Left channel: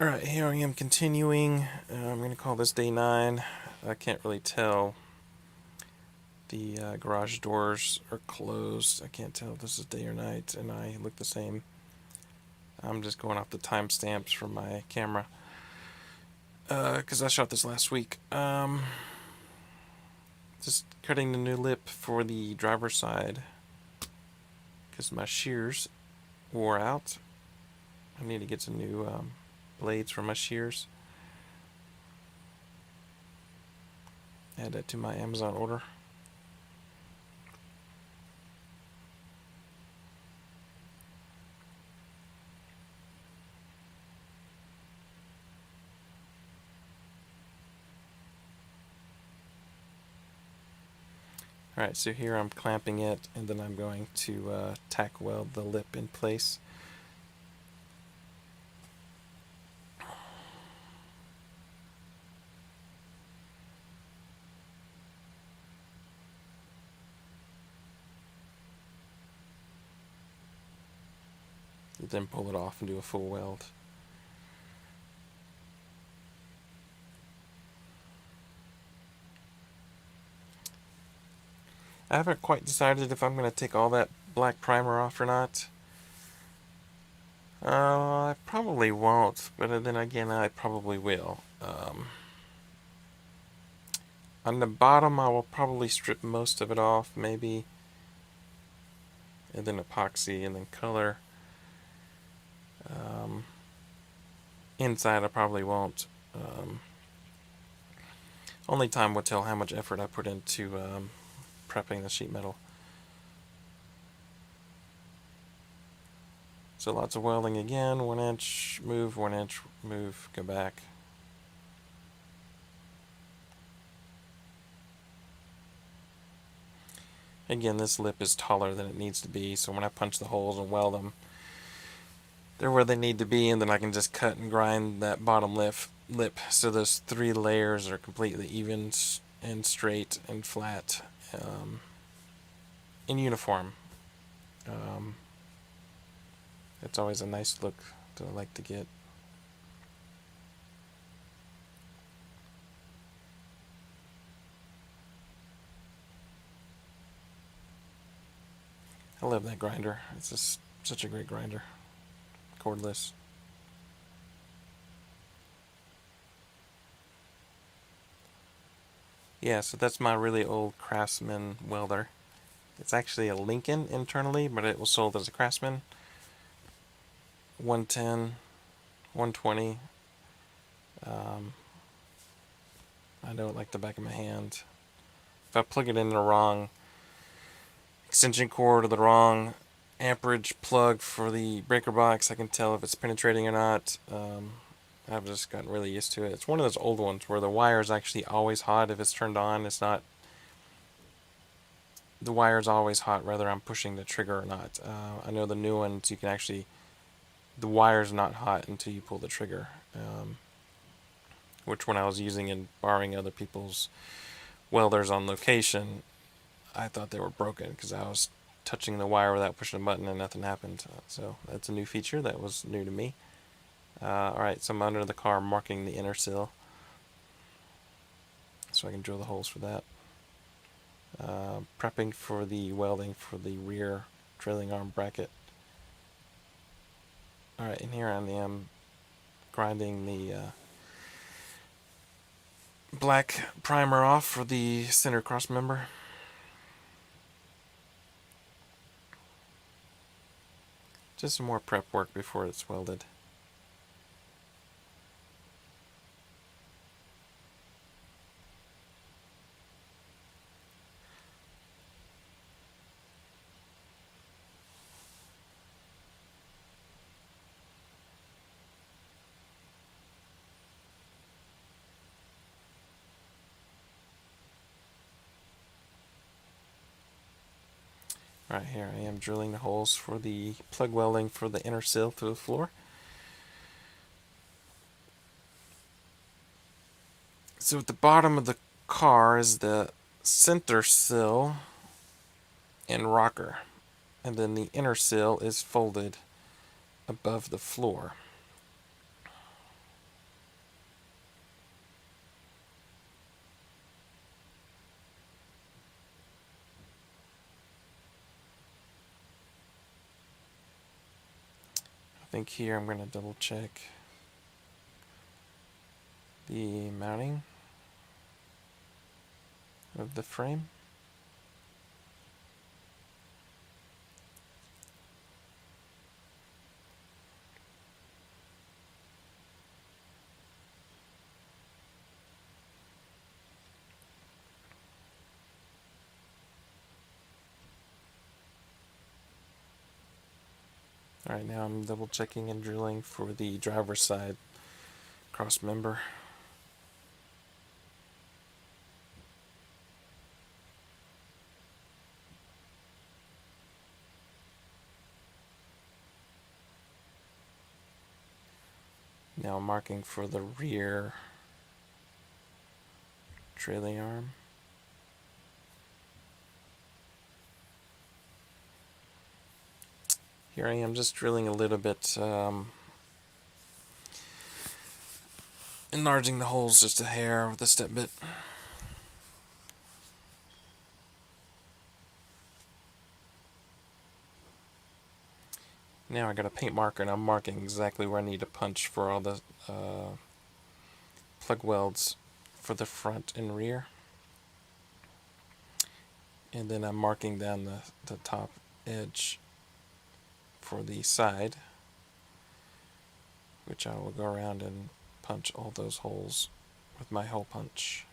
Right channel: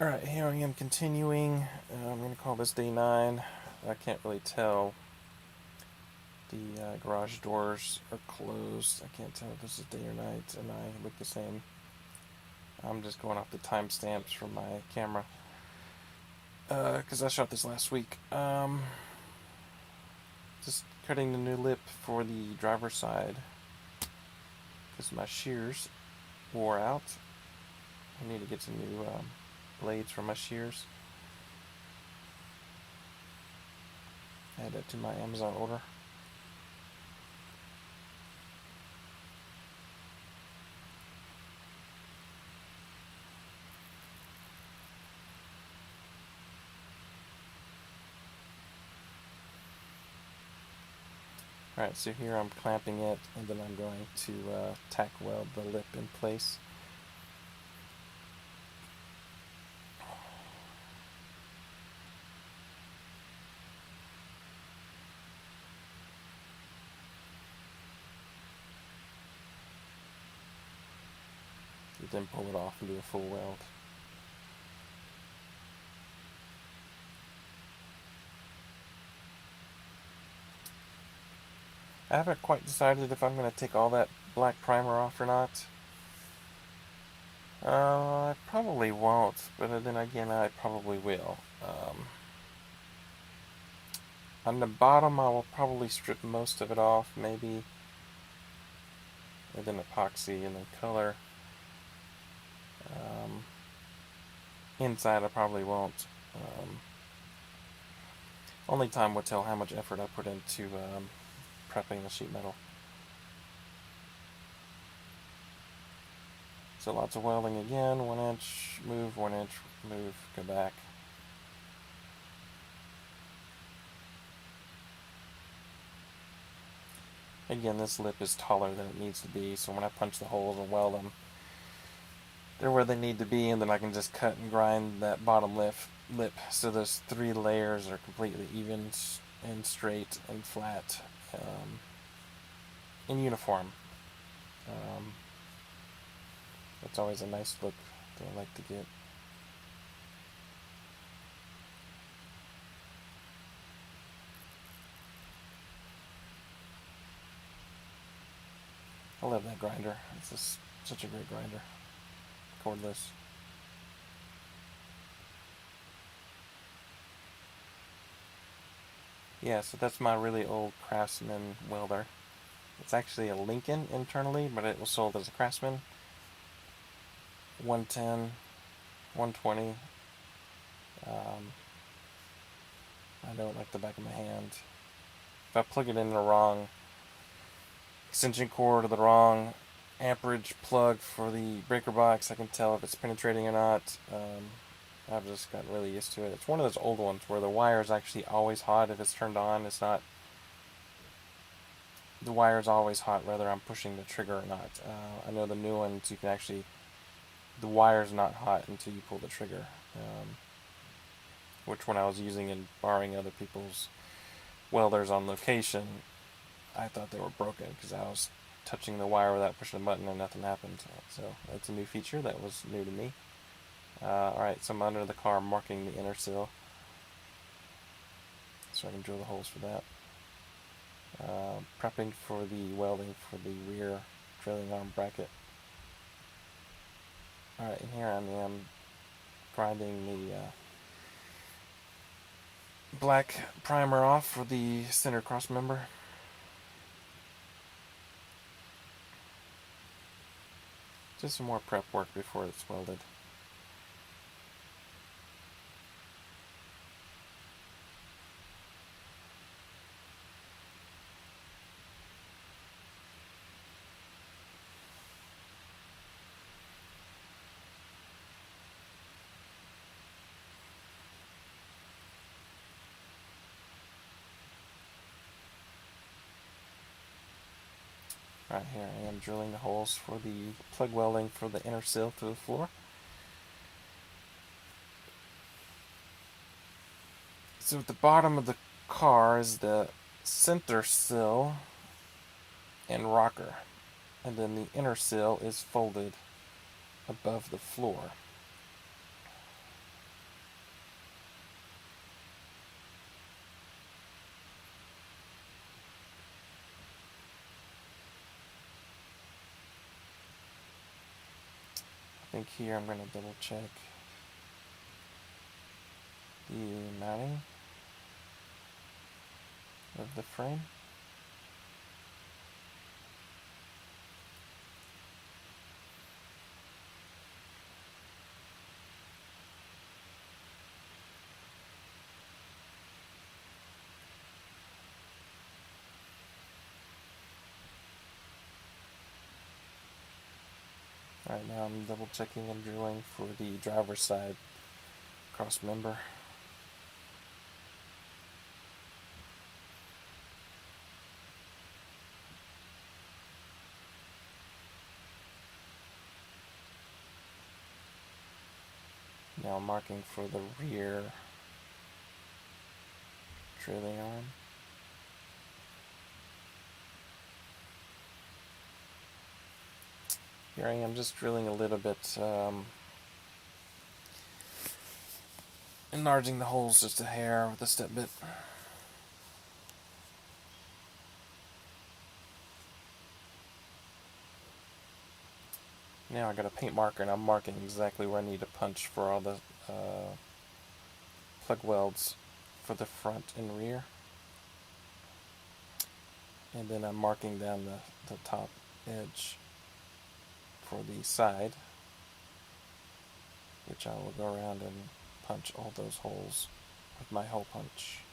Alright, here I am continuing. I'm going to call this day 9. I can't really tell. The garage doors are closed. I can't tell if this is day or night, and I look the same. I'm just going off the timestamps from my camera. Because I shot this last week. Just cutting the new lip for the driver's side. Because my shears wore out. I need to get some new blades for my shears. Add that to my Amazon order. Alright, so here I'm clamping it, and then I'm going to tack weld the lip in place. Then pull it off and do a full weld. I haven't quite decided if I'm going to take all that black primer off or not. I probably won't, but then again, I probably will. On the bottom, I will probably strip most of it off, maybe, and then epoxy, and then color. Inside, I probably won't. Only time will tell how much effort I put into prepping the sheet metal. So lots of welding again, 1 inch, move, 1 inch, move, go back. Again, this lip is taller than it needs to be, so when I punch the holes and weld them, they're where they need to be, and then I can just cut and grind that bottom lip so those 3 layers are completely even and straight and flat, in uniform. It's always a nice look that I like to get. I love that grinder. It's just such a great grinder. Cordless. Yeah, so that's my really old Craftsman welder. It's actually a Lincoln internally, but it was sold as a Craftsman. 110, 120. I know it like the back of my hand. If I plug it in the wrong extension cord or the wrong amperage plug for the breaker box, I can tell if it's penetrating or not. I've just gotten really used to it. It's one of those old ones where the wire is actually always hot if it's turned on. It's not. The wire is always hot whether I'm pushing the trigger or not. I know the new ones you can actually. The wire's not hot until you pull the trigger. Which when I was using and borrowing other people's welders on location, I thought they were broken because I was touching the wire without pushing a button and nothing happened. So that's a new feature that was new to me. Alright, so I'm under the car marking the inner sill so I can drill the holes for that. Prepping for the welding for the rear trailing arm bracket. Alright, and here I am grinding the black primer off for the center cross member. Just some more prep work before it's welded. Right here I am drilling the holes for the plug welding for the inner sill through the floor. So at the bottom of the car is the center sill and rocker, and then the inner sill is folded above the floor. think here I'm going to double check the mounting of the frame. Alright, now I'm double checking and drilling for the driver's side cross member. Now I'm marking for the rear trailing arm. Here I am just drilling a little bit, enlarging the holes just a hair with a step bit. Now I got a paint marker and I'm marking exactly where I need to punch for all the plug welds for the front and rear. And then I'm marking down the top edge for the side, which I will go around and punch all those holes with my hole punch.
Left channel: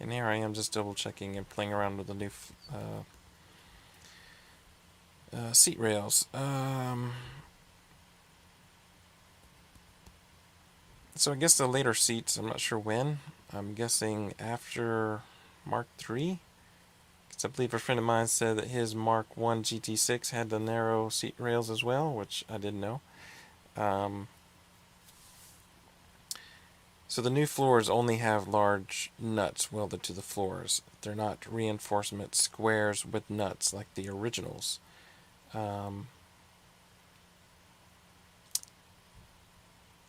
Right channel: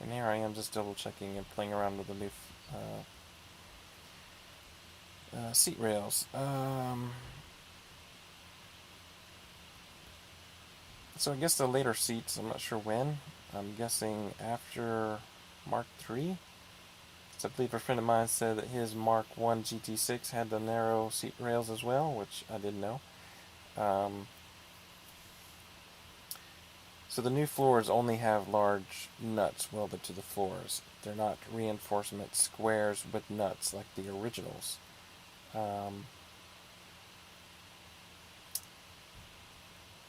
And here I am just double checking and playing around with the new seat rails. So I guess the later seats, I'm not sure when. I'm guessing after Mark III. I believe a friend of mine said that his Mark I GT6 had the narrow seat rails as well, which I didn't know. So the new floors only have large nuts welded to the floors. They're not reinforcement squares with nuts like the originals.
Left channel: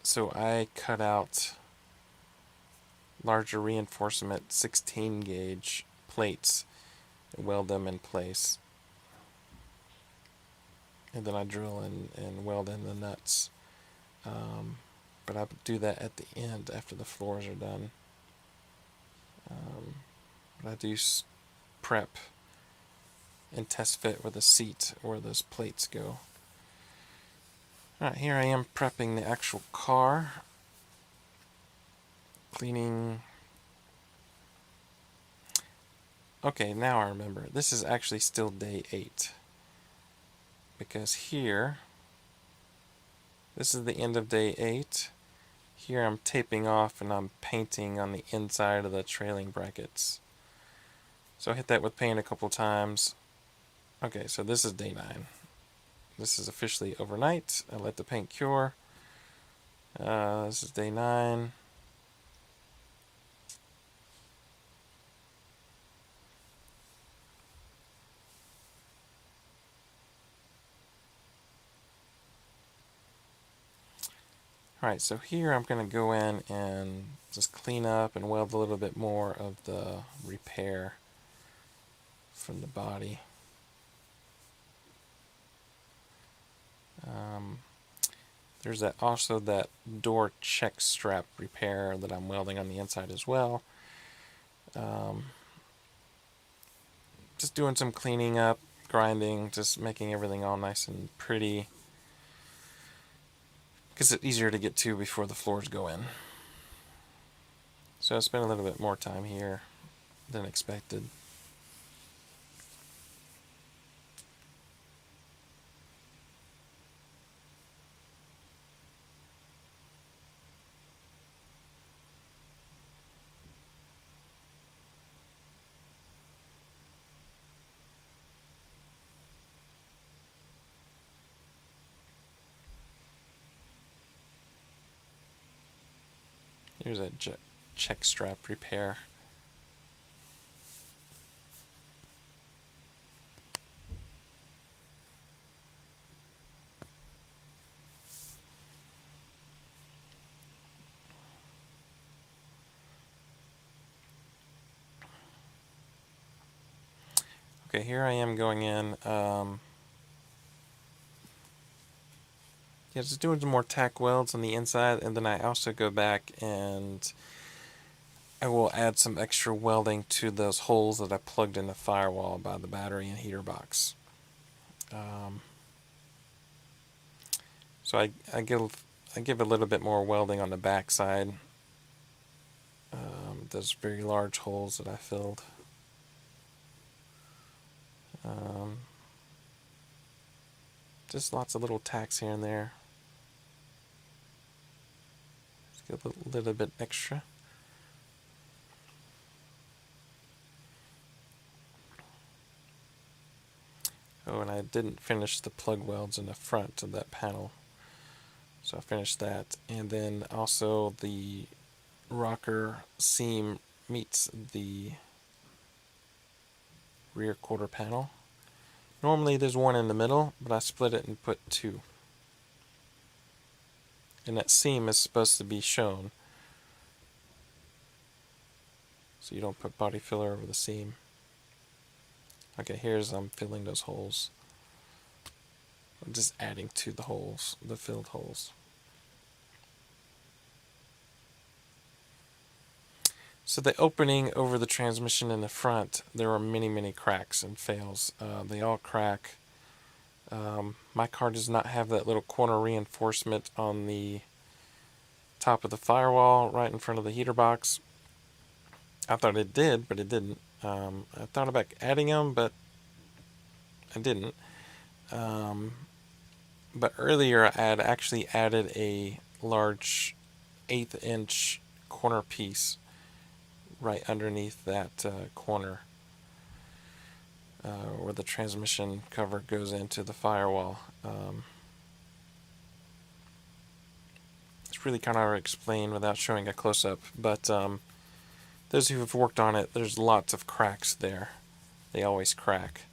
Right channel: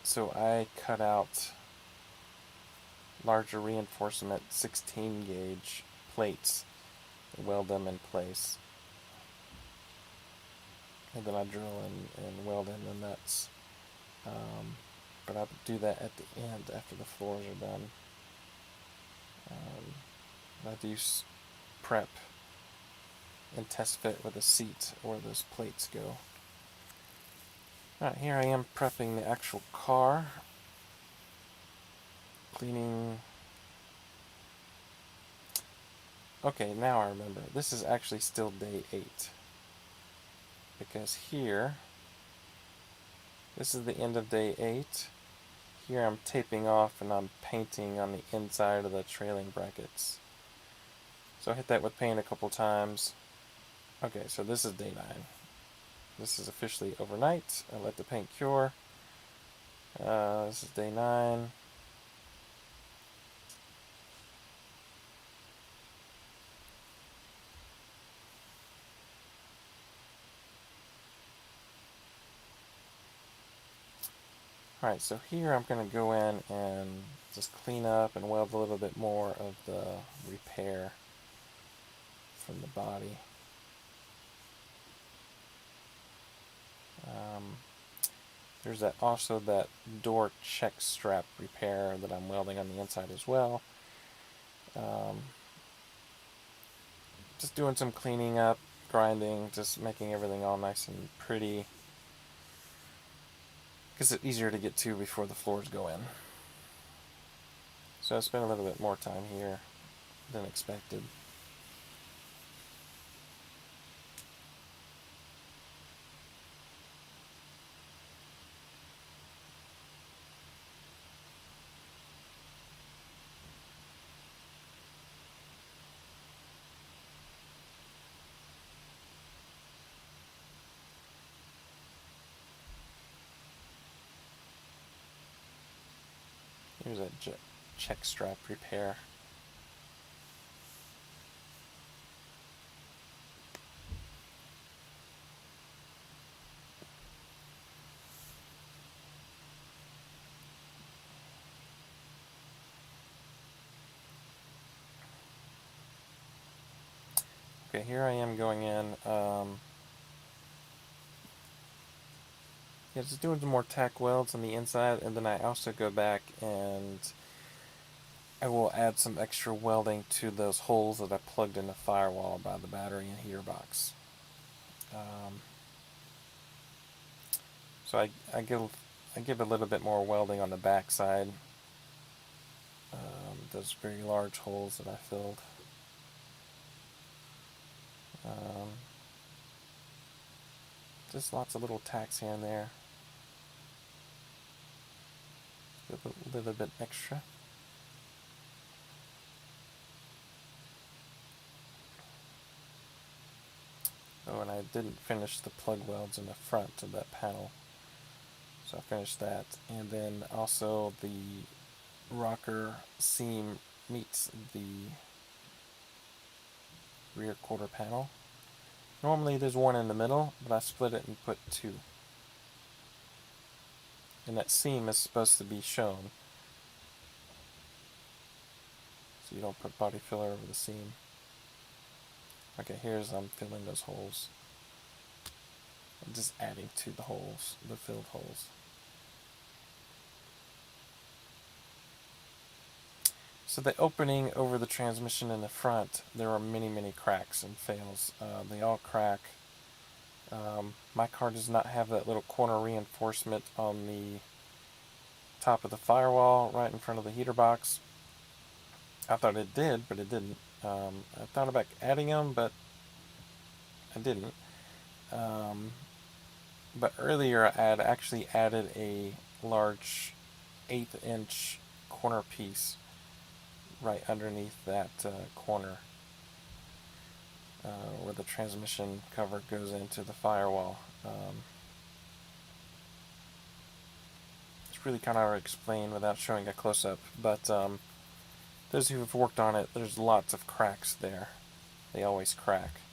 So I cut out larger reinforcement 16 gauge plates and weld them in place. And then I drill and weld in the nuts. But I do that at the end after the floors are done. But I do prep and test fit with a seat where those plates go. Alright, here I am prepping the actual car. Cleaning. Okay, now I remember. This is actually still day 8. Because here, this is the end of day 8. Here I'm taping off and I'm painting on the inside of the trailing brackets. So I hit that with paint a couple times. Okay, so this is day 9. This is officially overnight. I let the paint cure. This is day 9. Alright, so here I'm going to go in and just clean up and weld a little bit more of the repair from the body. There's also that door check strap repair that I'm welding on the inside as well. Just doing some cleaning up, grinding, just making everything all nice and pretty. Because it's easier to get to before the floors go in. So I spent a little bit more time here than expected. Here's a check strap repair. Okay, here I am going in. Yeah, just doing some more tack welds on the inside, and then I also go back and I will add some extra welding to those holes that I plugged in the firewall by the battery and heater box. So I give a little bit more welding on the back side. Those very large holes that I filled. Just lots of little tacks here and there. Just get a little bit extra. Oh, and I didn't finish the plug welds in the front of that panel. So I finished that. And then also the rocker seam meets the rear quarter panel. Normally there's one in the middle, but I split it and put two. And that seam is supposed to be shown, so you don't put body filler over the seam. Okay, here's I'm filling those holes. I'm just adding to the holes, the filled holes. So the opening over the transmission in the front, there are many cracks and fails. They all crack. My car does not have that little corner reinforcement on the top of the firewall right in front of the heater box. I thought it did, but it didn't. I thought about adding them, but I didn't. But earlier I had actually added a large 1/8 inch corner piece right underneath that corner where the transmission cover goes into the firewall. It's really kind of hard to explain without showing a close-up, but those who have worked on it, there's lots of cracks there. They always crack.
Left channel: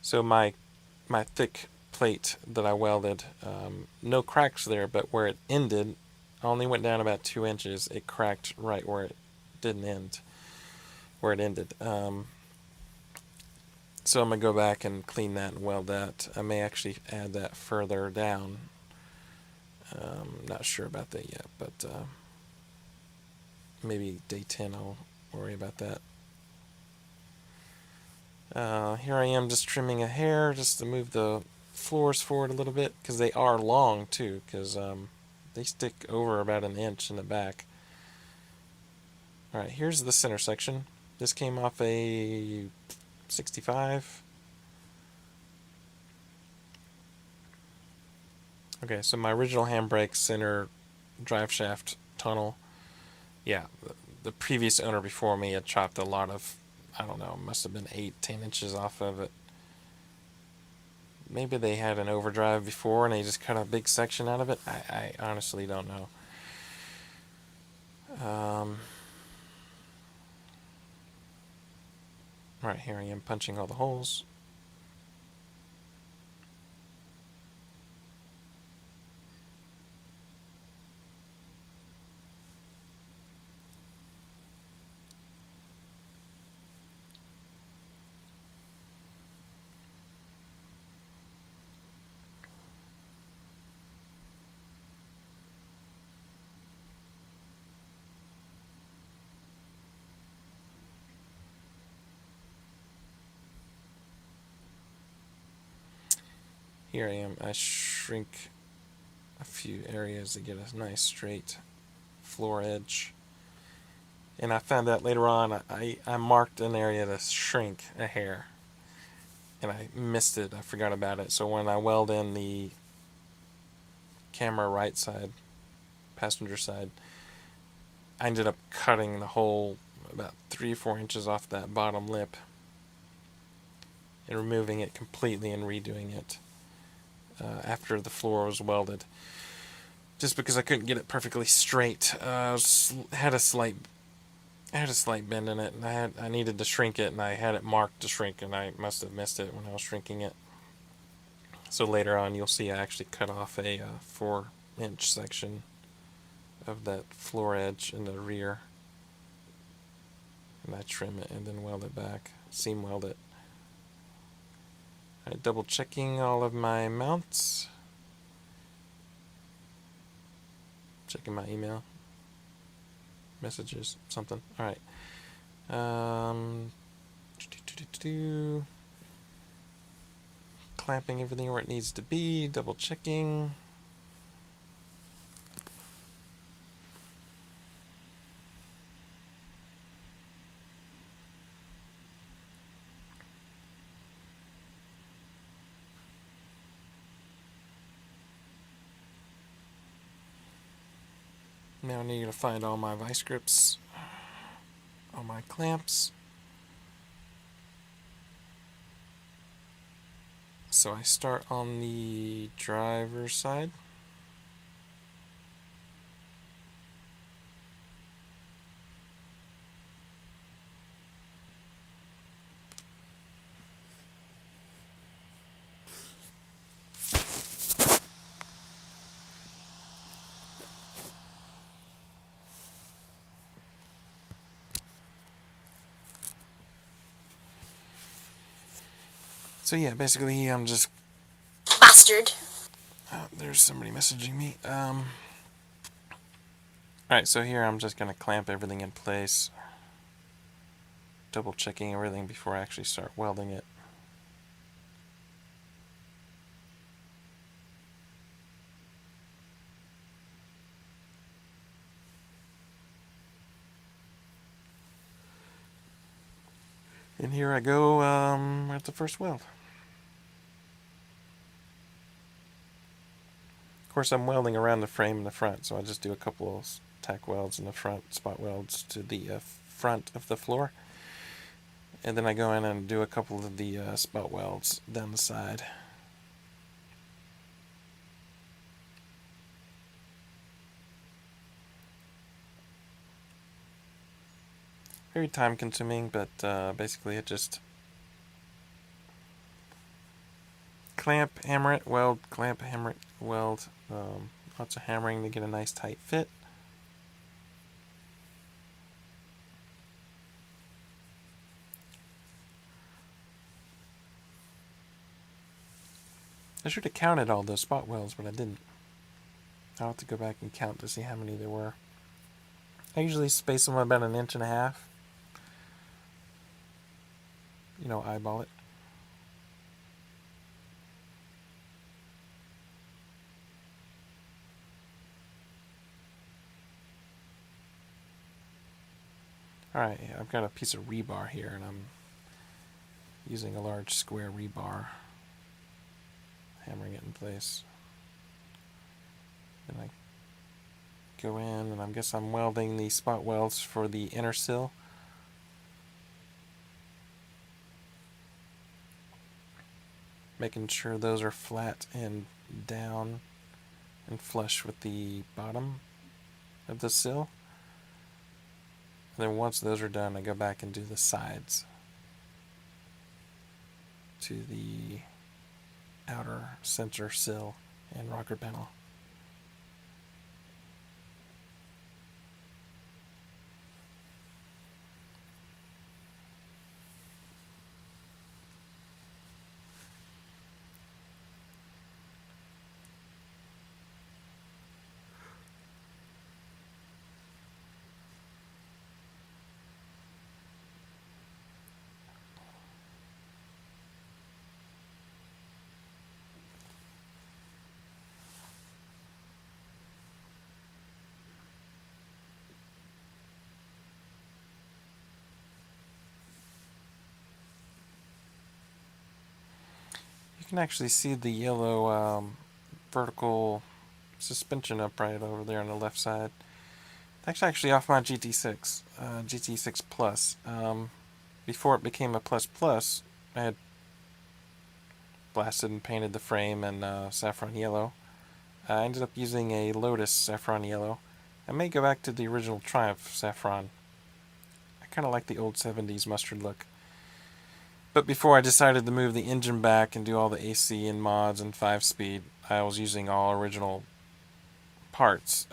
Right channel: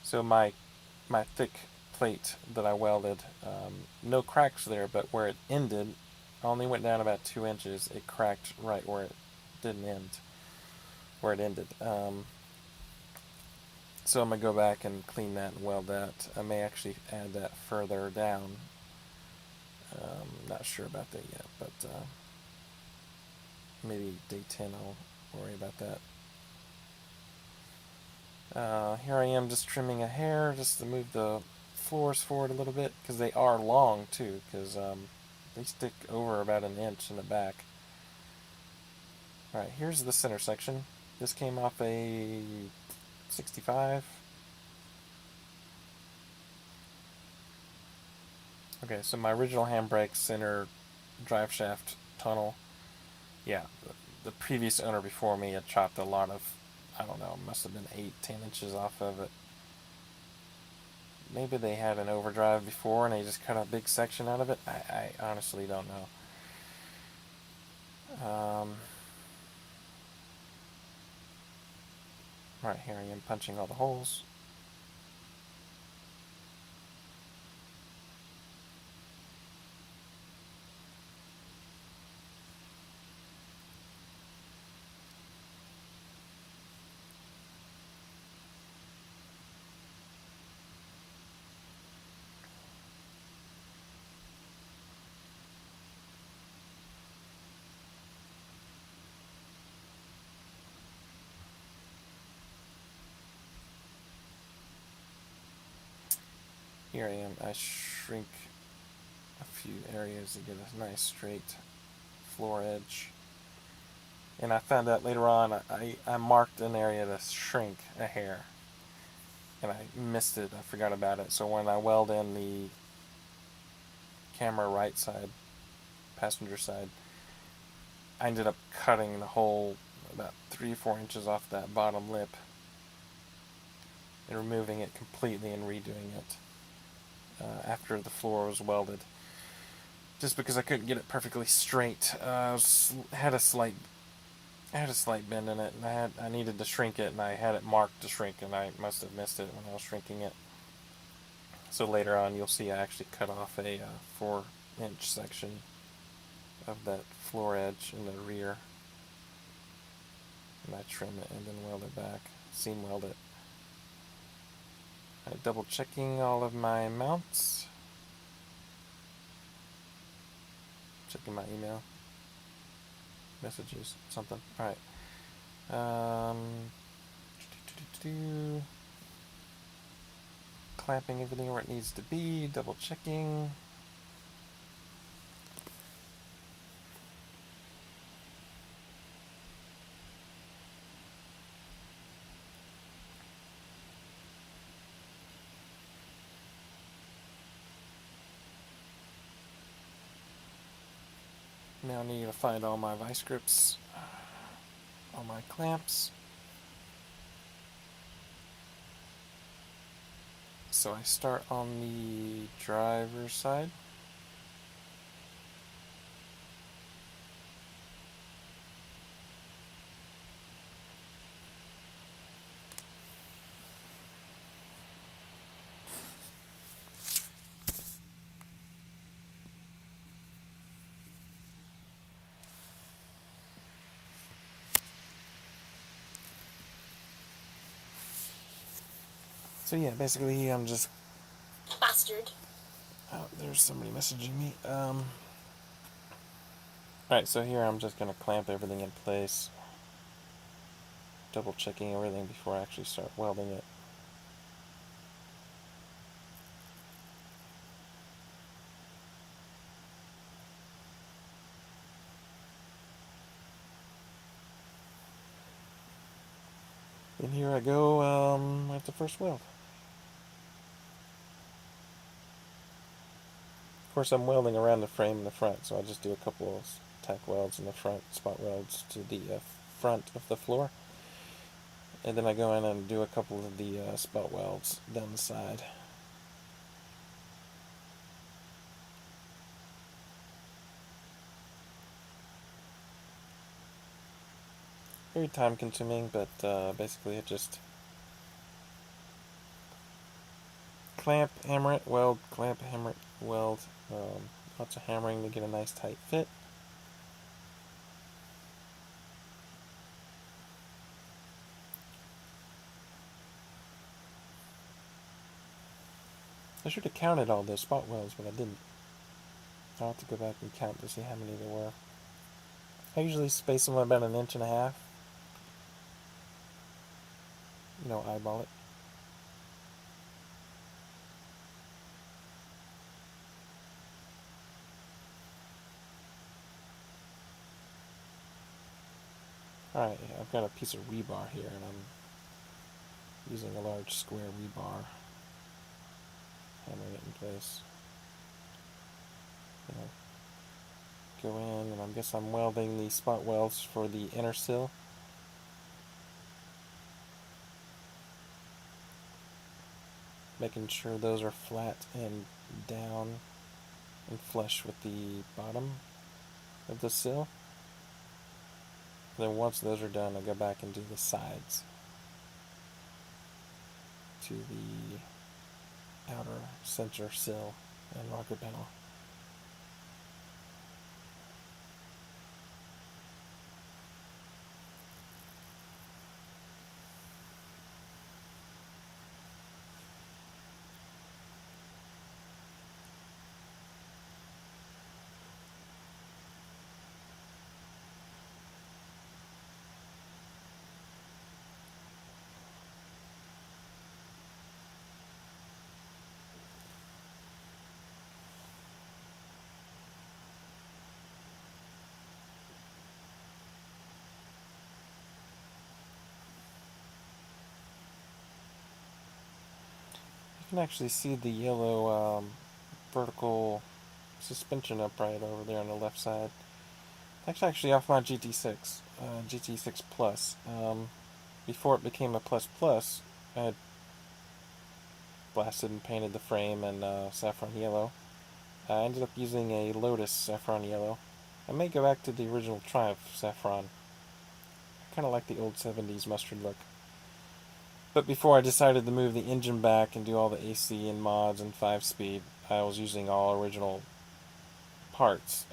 So my thick plate that I welded, no cracks there, but where it ended, I only went down about 2 inches. It cracked right where it didn't end, where it ended. So I'm going to go back and clean that and weld that. I may actually add that further down. Not sure about that yet, but maybe day 10 I'll worry about that. Here I am just trimming a hair just to move the floors forward a little bit, because they are long too, because they stick over about 1 inch in the back. Alright, here's the center section. This came off a 65. Okay, so my original handbrake center drive shaft tunnel, yeah, the previous owner before me had chopped a lot of, I don't know, must have been 8-10 inches off of it. Maybe they had an overdrive before and they just cut a big section out of it. I honestly don't know. Right, here I am punching all the holes. Here I am. I shrink a few areas to get a nice straight floor edge. And I found out later on, I marked an area to shrink a hair. And I missed it. I forgot about it. So when I weld in the camera right side, passenger side, I ended up cutting the whole about 3 or 4 inches off that bottom lip and removing it completely and redoing it after the floor was welded, just because I couldn't get it perfectly straight. I had a slight bend in it, and I needed to shrink it, and I had it marked to shrink, and I must have missed it when I was shrinking it. So later on, you'll see I actually cut off a 4-inch section of that floor edge in the rear, and I trim it and then weld it back. seam weld it. Alright, double checking all of my mounts. Checking my email. Messages, something. Alright. Clamping everything where it needs to be, double checking. Now I need to find all my vice grips, all my clamps. So I start on the driver's side. So yeah, basically I'm just... Bastard. Oh, there's somebody messaging me. Alright, so here I'm just going to clamp everything in place. Double checking everything before I actually start welding it. And here I go at the first weld. Of course, I'm welding around the frame in the front, so I'll just do a couple of tack welds in the front, spot welds to the front of the floor. And then I go in and do a couple of the spot welds down the side. Very time consuming, but basically it just clamp, hammer it, weld, clamp, hammer it, weld. Lots of hammering to get a nice tight fit. I should have counted all those spot welds, but I didn't. I'll have to go back and count to see how many there were. I usually space them about 1.5 inches. You know, eyeball it. Alright, I've got a piece of rebar here, and I'm using a large square rebar, hammering it in place. And I go in, and I guess I'm welding the spot welds for the inner sill. Making sure those are flat and down and flush with the bottom of the sill. Then once those are done, I go back and do the sides to the outer center sill and rocker panel. You can actually see the yellow vertical suspension upright over there on the left side. That's actually off my GT6, GT6 Plus. Before it became a Plus Plus, I had blasted and painted the frame in saffron yellow. I ended up using a Lotus saffron yellow. I may go back to the original Triumph saffron. I kind of like the old 70s mustard look. But before I decided to move the engine back and do all the AC and mods and 5-speed, I was using all original parts.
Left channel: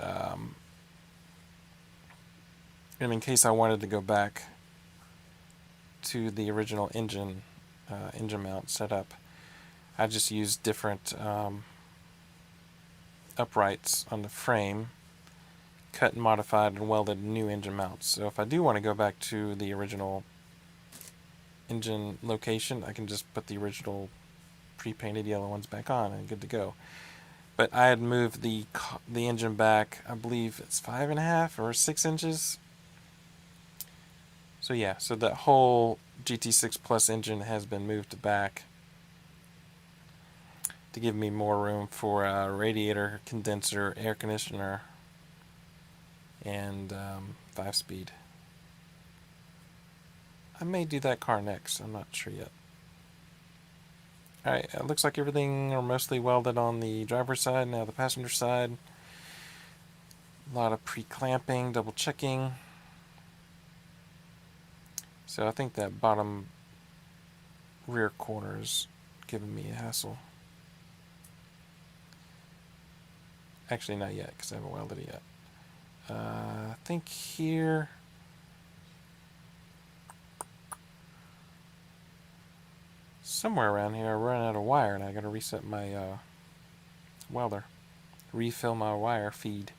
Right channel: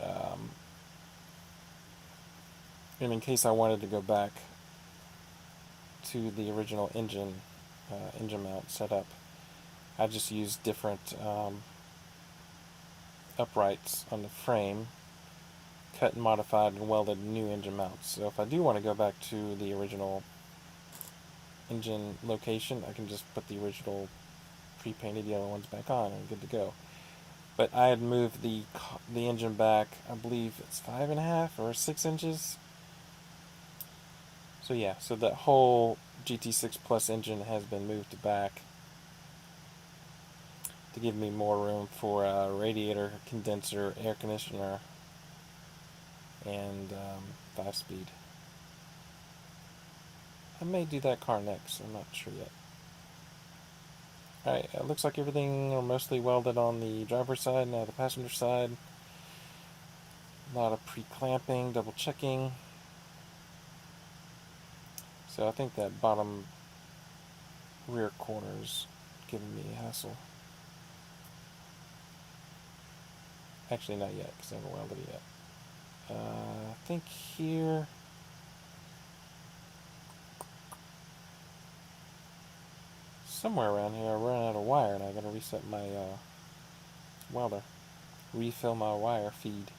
And in case I wanted to go back to the original engine mount setup. I just used different uprights on the frame, cut and modified and welded new engine mounts. So if I do want to go back to the original engine location, I can just put the original pre-painted yellow ones back on and good to go. But I had moved the engine back, I believe it's 5.5 or 6 inches. So yeah, so that whole GT6 Plus engine has been moved back to give me more room for a radiator, condenser, air conditioner, and 5-speed. I may do that car next, I'm not sure yet. Alright, it looks like everything are mostly welded on the driver's side, now the passenger side. A lot of pre-clamping, double checking. So I think that bottom rear corner is giving me a hassle. Actually, not yet, because I haven't welded it yet. I think here... somewhere around here I run out of wire and I gotta reset my welder. Refill my wire feed.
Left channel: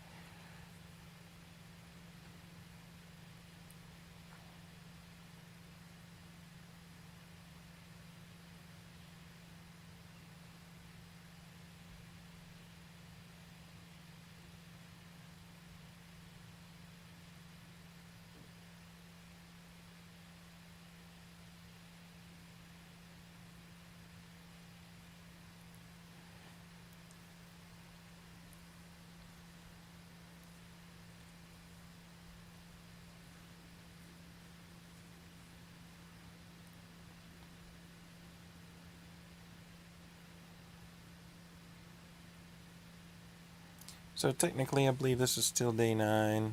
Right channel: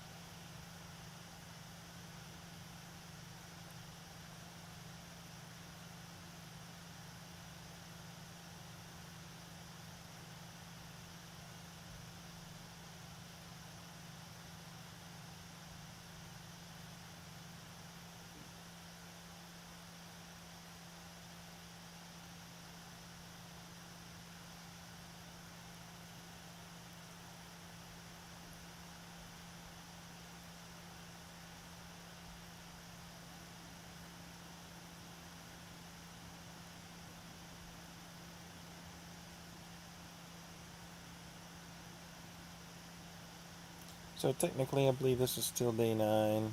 So technically I believe this is still day 9.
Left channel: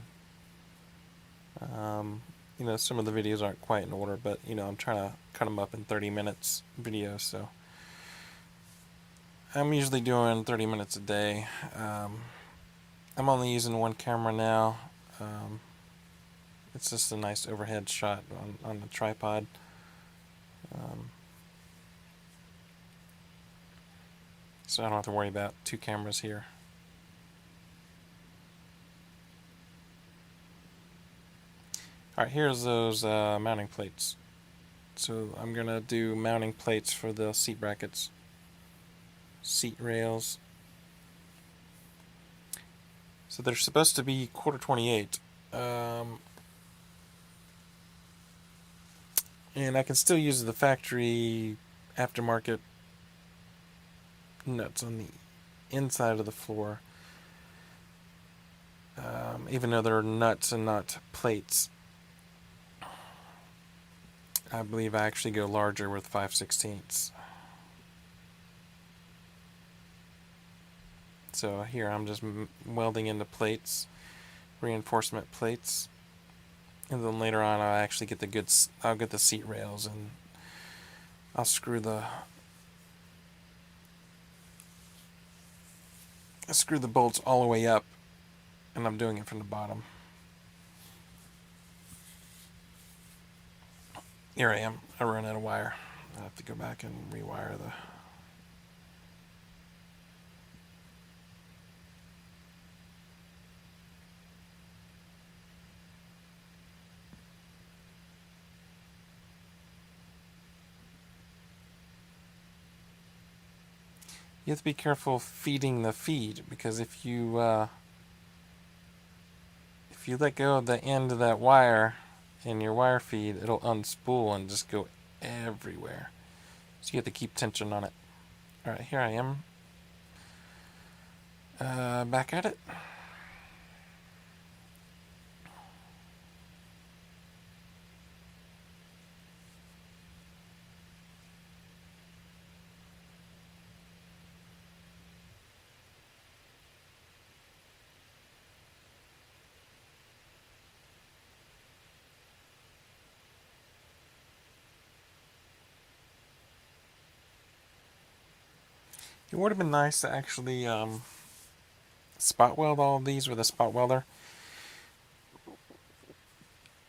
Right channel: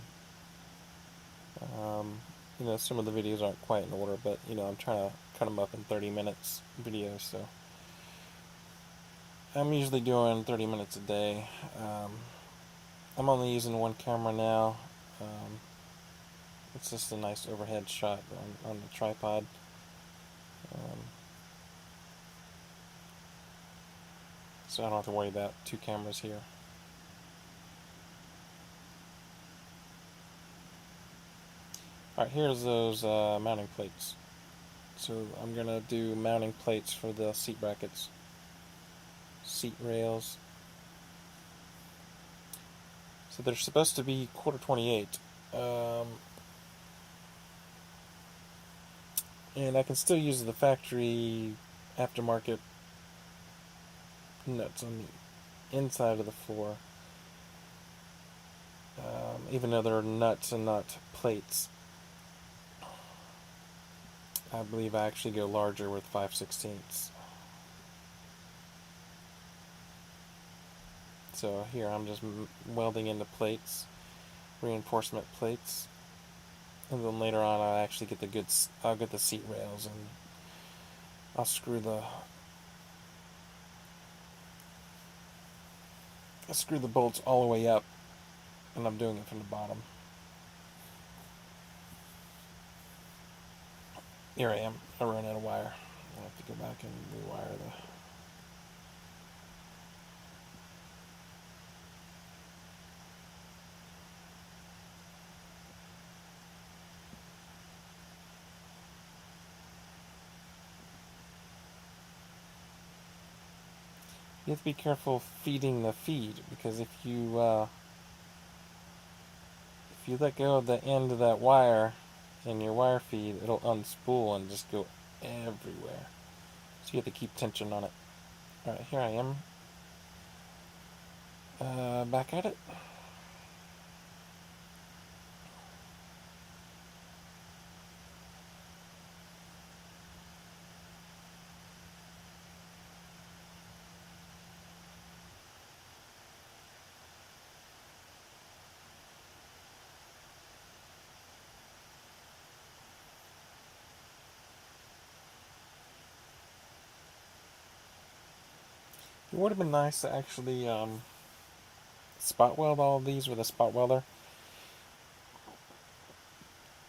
Some of the videos aren't quite in order, but I'm trying to cut them up in 30 minutes videos, so I'm usually doing 30 minutes a day. I'm only using one camera now. It's just a nice overhead shot on the tripod. So I don't have to worry about 2 cameras here. Alright, here's those mounting plates. So I'm going to do mounting plates for the seat brackets, seat rails. So they're supposed to be 1/4-28. And I can still use the factory aftermarket nuts on the inside of the floor, even though they're nuts and not plates. I believe I actually go larger with 5/16. So here I'm just welding into plates, reinforcement plates, and then later on I'll actually get I'll get the seat rails and I'll screw the bolts all the way up, and I'm doing it from the bottom. Here I am. I ran out of wire. I have to go back and rewire the... You have to be careful feeding the feed, because if you let go of the end of that wire in your wire feed, it'll unspool and just go everywhere. So you have to keep tension on it. Alright, here I am. Back at it. It would have been nice to actually spot weld all of these with a spot welder,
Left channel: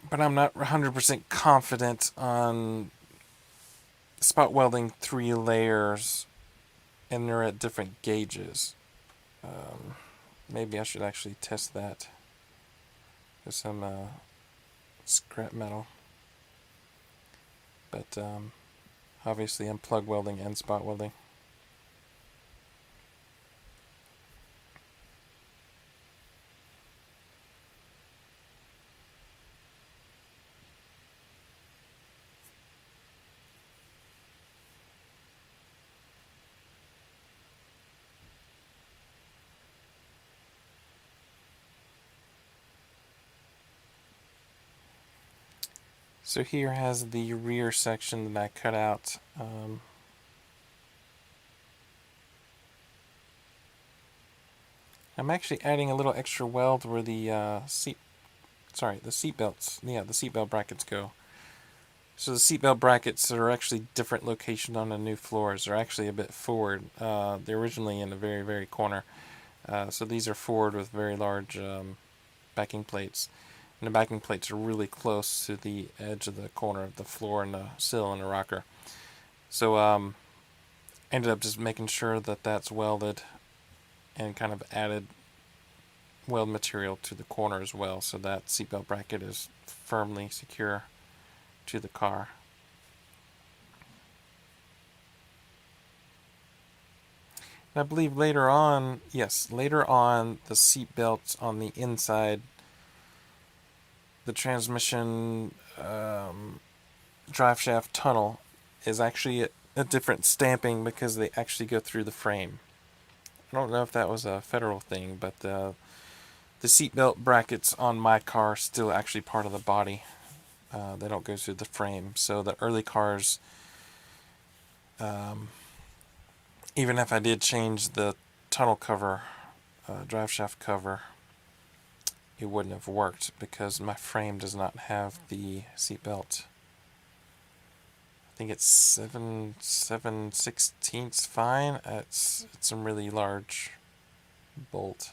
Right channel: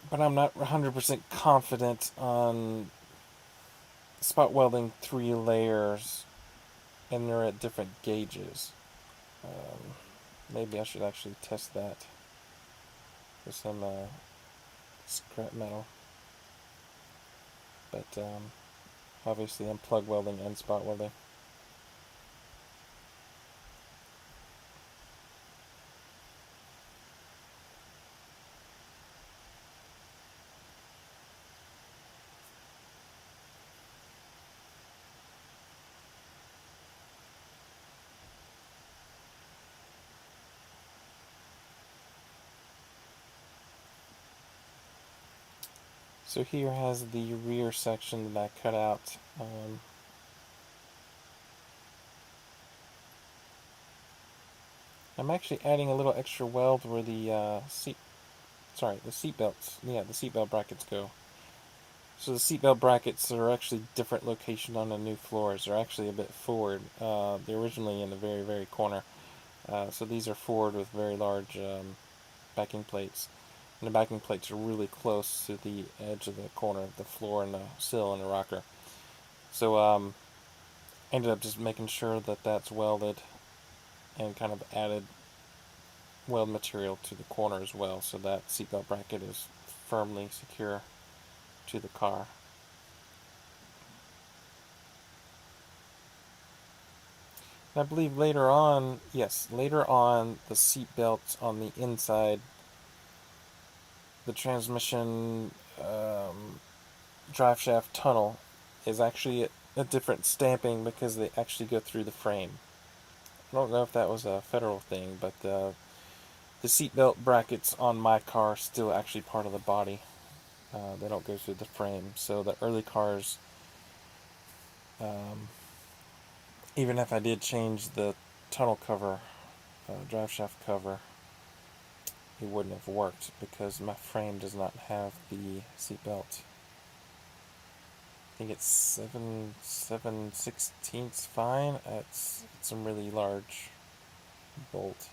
but I'm not 100% confident on spot welding 3 layers, and they're at different gauges. Maybe I should actually test that with some scrap metal. But obviously I'm plug welding and spot welding. So here has the rear section that I cut out. I'm actually adding a little extra weld where the the seat belts, the seatbelt brackets go. So the seatbelt brackets are actually different location on the new floors. They're actually a bit forward. They're originally in the very, very corner. So these are forward with very large backing plates. And the backing plates are really close to the edge of the corner of the floor and the sill and the rocker. So ended up just making sure that that's welded and kind of added weld material to the corner as well, so that seatbelt bracket is firmly secure to the car. And I believe later on, the seatbelts on the inside, the transmission drive shaft tunnel is actually a different stamping because they actually go through the frame. I don't know if that was a federal thing, but the seatbelt brackets on my car are still actually part of the body. They don't go through the frame. So the early cars, even if I did change the tunnel cover, drive shaft cover, it wouldn't have worked because my frame does not have the seatbelt. I think it's 7/16 fine. It's a really large bolt.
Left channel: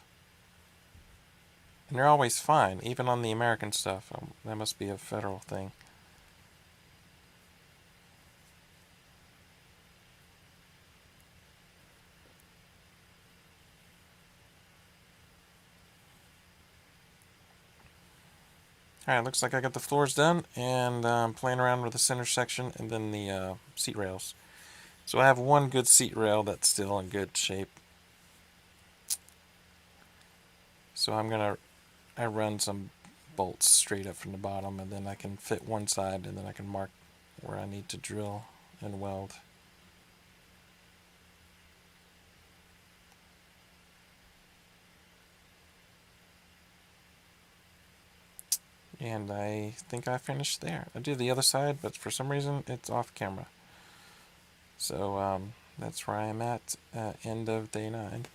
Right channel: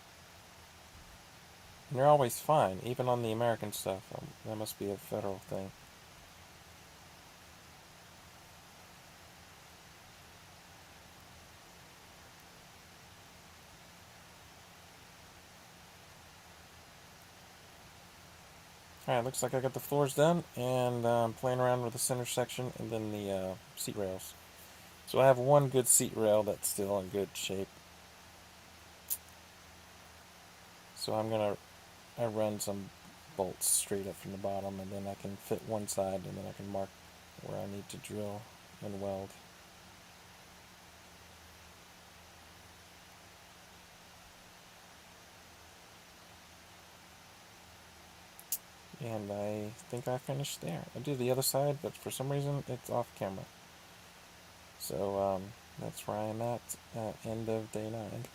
And they're always fine, even on the American stuff. That must be a federal thing. Alright, looks like I got the floors done, and I'm playing around with the center section and then the seat rails. So I have one good seat rail that's still in good shape. So I run some bolts straight up from the bottom, and then I can fit one side, and then I can mark where I need to drill and weld. And I think I finished there. I did the other side, but for some reason it's off camera. So that's where I am at end of day 9.